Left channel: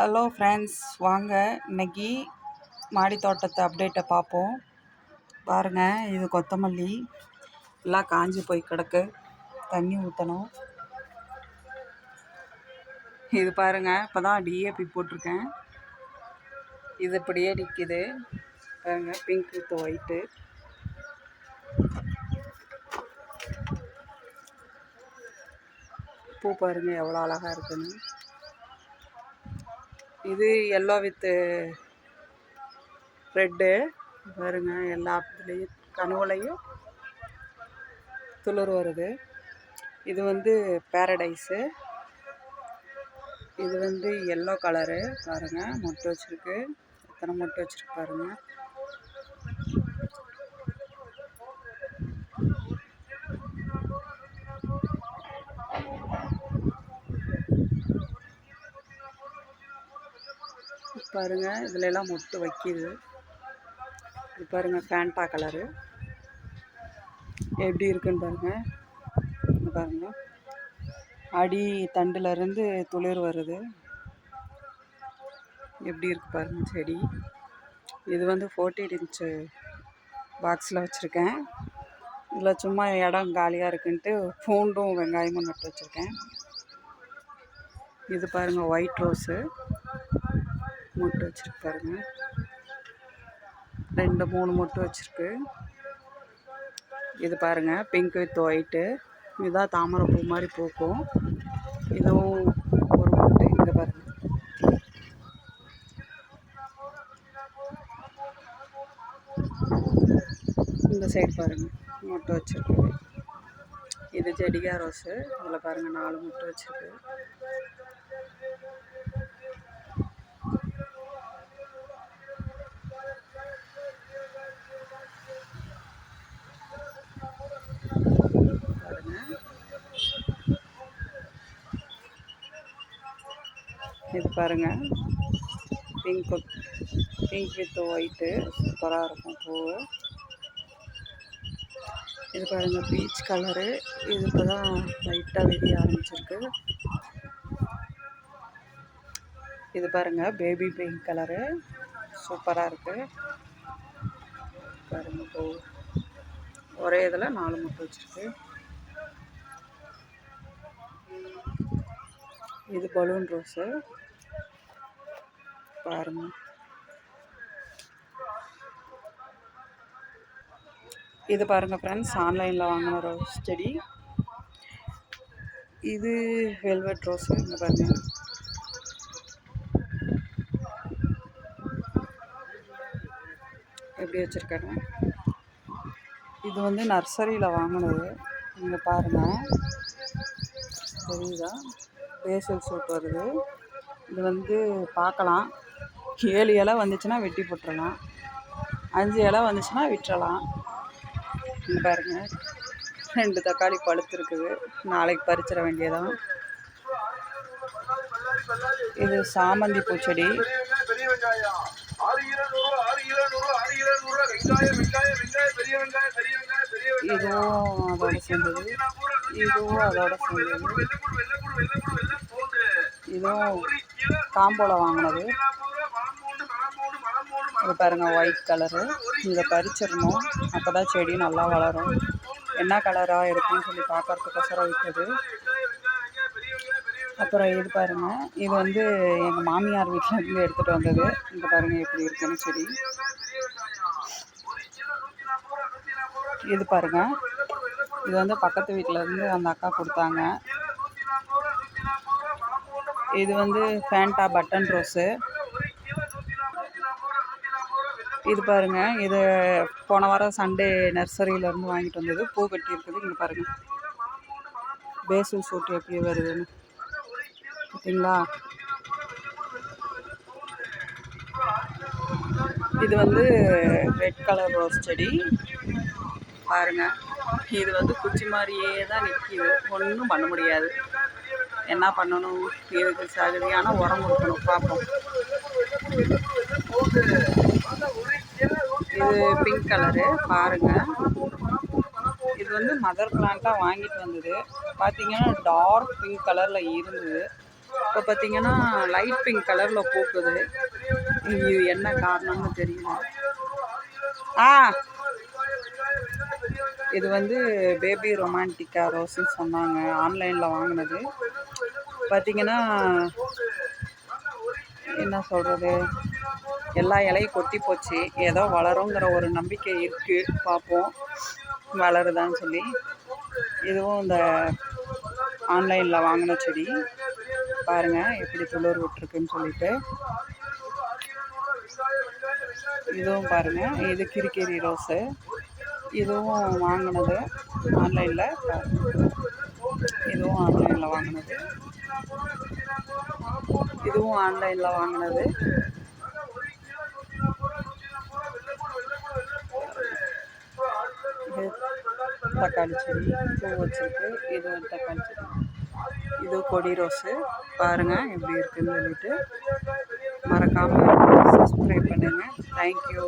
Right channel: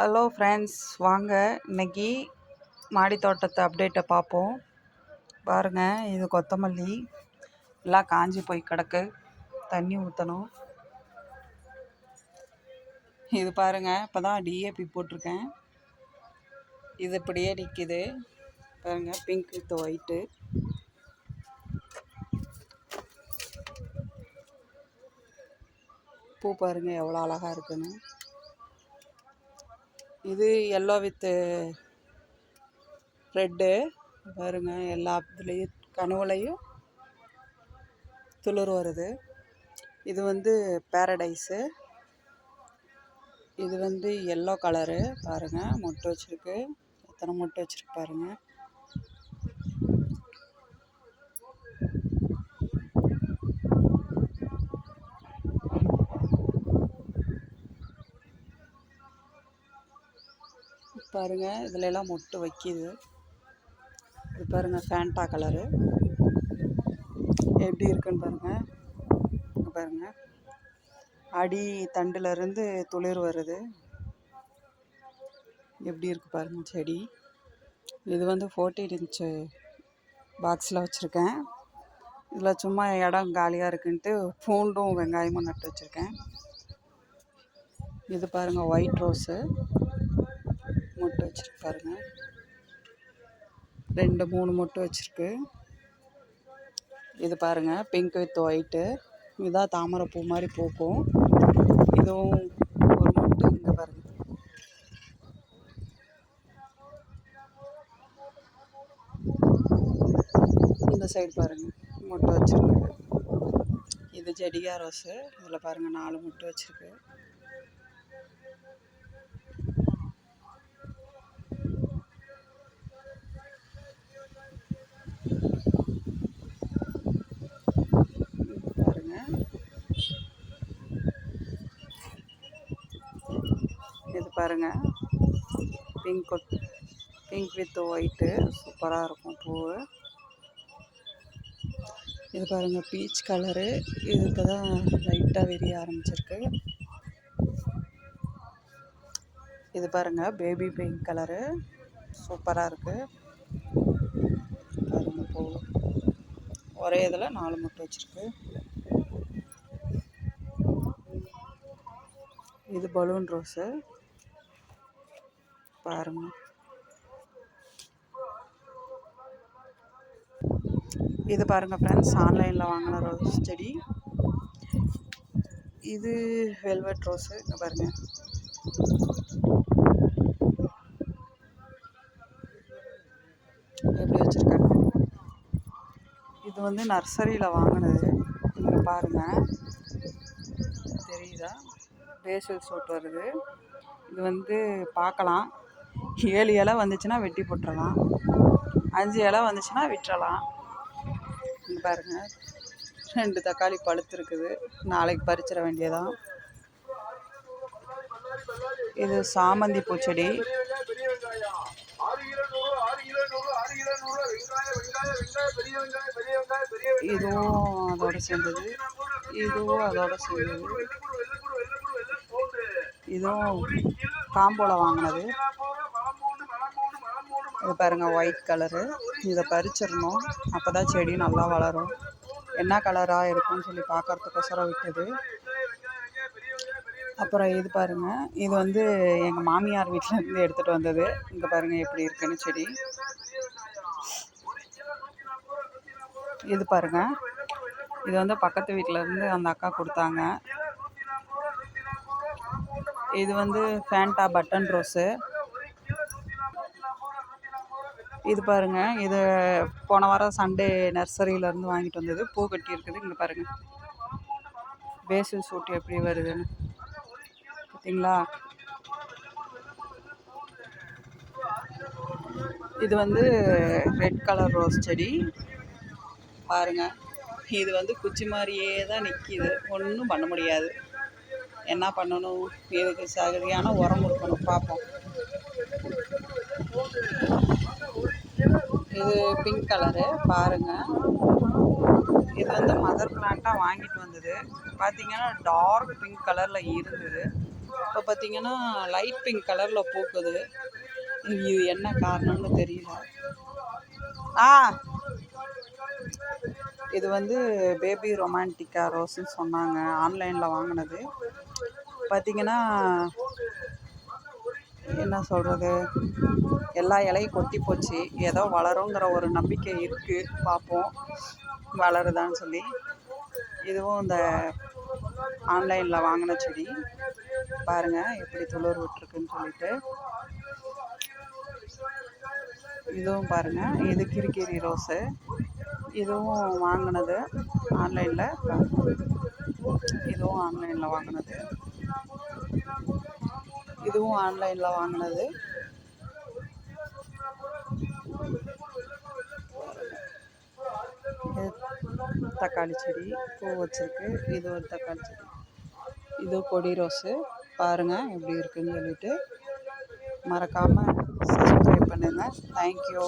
Hello friends, வாங்க இன்னைக்கு மாடி தோட்டத்தை அப்டேட்டை பார்ப்போம். பாருங்கள், இது கொத்தமல்லி எல்லாம் காஞ்சி போய் கிடக்கு, தண்ணி ஊற்றணும். இது பாருங்கள், இப்போ தான் டிஏபி போட்டிருக்கேன். இது இப்படியே நிற்கிது பாருங்கள், பிங்க் வித் ஒயிட்டு. பூ பாருங்கள் எவ்வளோ அழகாக இருக்குன்னு. இது எல்லோ வித்து ரெட்டு பாருங்கள், எல்லா இதுலேயும் கனவுலையும் துளிர் வருது. இது வந்து பேரடைஸு. இது வந்து எல்லோ கலரு பாருங்கள், மொட்டு வச்சுருக்கு. எத்தனை மொட்டு வச்சுருக்கு பாருங்கள். பாருங்கள், இதில் எல்லாம் மொட்டு வைக்கிது. இது பாருங்கள், ஃபேண்டா கலரு எப்படி இருக்குன்னு பாருங்கள். இங்கே பாருங்கள், அடி தண்டுலேருந்து துளிர் வருது. எப்படி இருக்குது பாருங்கள் செடி. இது வந்து 14 இன்ச்சு பாக்ஸில் வச்சுருக்கேன். இதில் சும்மா இடம் காலியாக இருக்குன்ட்டு பூண்டும் வெங்காயமும் நட்டு வச்சுருக்கேன். இது பாருங்கள், ஒயிட் ரோஸு மொட்டு வச்சுருக்கு பாருங்கள். 2-3 மொட்டு வச்சுருக்கு. இது பாருங்கள், பிங்க் வித் ஒயிட்டு. இதுதான் தாமரை பூ மாதிரி பூக்கும். இதுவும் ஒரு மொட்டு. இங்கே பாருங்கள், இந்த சைடு பாருங்கள் மொட்டு வச்சுருக்கு. இது ஜெடிகா ரோஸு. இதில் பாருங்கள் 4 மொட்டு வச்சுருக்கு. இது பாருங்கள், பிங்க் வித் ஒயிட்டு சூப்பராக இருக்கும் பூவு. இது பாருங்கள், பீச் கலரு. இது இப்போ தான் லைட்டாக விரிய ஆரம்பிச்சிருக்கு. இது பாருங்கள், பேபி பிங்க் கலரு சூப்பராக இருக்குது பாருங்கள். பூ ஒரே இதில் 4 மொட்டு வச்சுருக்கு. இது பலூன் ரோஸு பாருங்கள். இது பாருங்கள் ஃப்ரெண்ட்ஸ், ஆன்லைனில் வாங்கின ரோஸ் செடி. இது வெல்வெட் ரோஸு. இங்கே பாருங்கள், எப்படி வச்சுருக்காங்க. இது வந்து நர்சரியில் வாங்கினது. இங்கே பாருங்கள், தெரியுதா, பேசல் சூட் வருது. இது வந்து பார்க்கலாம். 7 இலை வந்துச்சுன்னா வெட்டி போட்டுடலாம், 5 இலை வந்துச்சுன்னா விட்டுறலாம். இங்கே பாருங்கள், 2 தக்காளி பழுத்துருக்குது, நாளைக்கு பறிச்சிட வேண்டியதான். இது சாமந்தி பூச்செடி. இதுவும் அதோட சேர்ந்தது, இதுவும் அதோட சேர்ந்தது. இதுவும் காம்போல வாங்கினது. இது பாருங்கள், ஒயிட் கலரு. இதை பறிச்சிடணும், அப்போ தான் செடி நல்லா வளரும். என்ன கலராக இருக்குன்னு சொல்லி பார்க்கறதுக்கோசரம் விட்டது. அப்புறம் இது பாருங்கள், இது வந்து எங்கள் மாமியார் வீட்டில் இருந்து எடுத்துகிட்டு வந்தது. இங்கே பாருங்கள் எப்படி இருக்குன்னு செடி. இது பாருங்கள், இது வந்து பக்கத்து வீட்டில் இருந்து அந்த அக்கா கொடுத்தாங்க. இது வந்து ஃபேண்டா பட்டன் ரோஸு. இது பாருங்கள், இது போன வாரம் சண்டே நர்சரியிலேருந்து வாங்கிட்டு வந்தது. பூ கட்டி இருக்குது. இங்கே பாருங்கள், பேசல் சூட்டு எப்படி வருதுன்னு பார்த்தீங்களா. இது வந்து ரெட் கலர் ரோஸ் செடி பாருங்கள். இது வந்து குச்சி மாதிரியே தான் நிற்கிது, ஒன்றும் பண்ண முடியாது. என்ன பண்ணணும், இதுக்கு சரியான உரம் கொடுக்கணும். பார்ப்போம். இது பிங்க் கலரு பாருங்கள். இது வந்து மதர் பிளான்ட்டாக வாங்கிட்டு வந்தது. பார்த்தீங்கன்னா டார்க் பிங்க் கலரில் இருந்தது. இப்போ பார்த்தீங்கன்னா லைட் பிங்க் கலரில் பூக்குது. இது என்ன காரணம்னு தெரியல. இது வந்து பேபி ரொமான்டிக்கா ரோஸ்ன்னு சொன்னாங்க. ஆன்லைனில் வாங்கினது. பார்த்தீங்கன்னா என்ன சொல்கிறது, எல்லா இலையும் கொட்டி போச்சு. ஏதோ வளருங்கிற ஒரு நம்பிக்கை இருக்குது, பார்ப்போம் வளருதான்னு சொல்லி. இதுவும் இந்த ஆன்லைனில் வாங்கின செடி பாருங்கள் எப்படி துளிர் விட்டுருக்குன்னு சொல்லிட்டு. இதுவும் பாருங்கள், இது கிரிக்கெரி ரோஸு. இதுவும் வாங்கினது ஆன்லைனில். இதுவும் ஆன்லைனில் வாங்கினது. இதுவும் ஆன்லைனில் வாங்கினது. தக்காளி செடி பூ வச்சுருக்கு. இது ஒரு தக்காளி செடி. இது கொடி ரோஸு. பாருங்கள் எப்படி இருக்குன்னு சொல்லிட்டு. மறக்காமல் சப்ஸ்கிரைப் பண்ணுங்கள். தேங்க்யூ.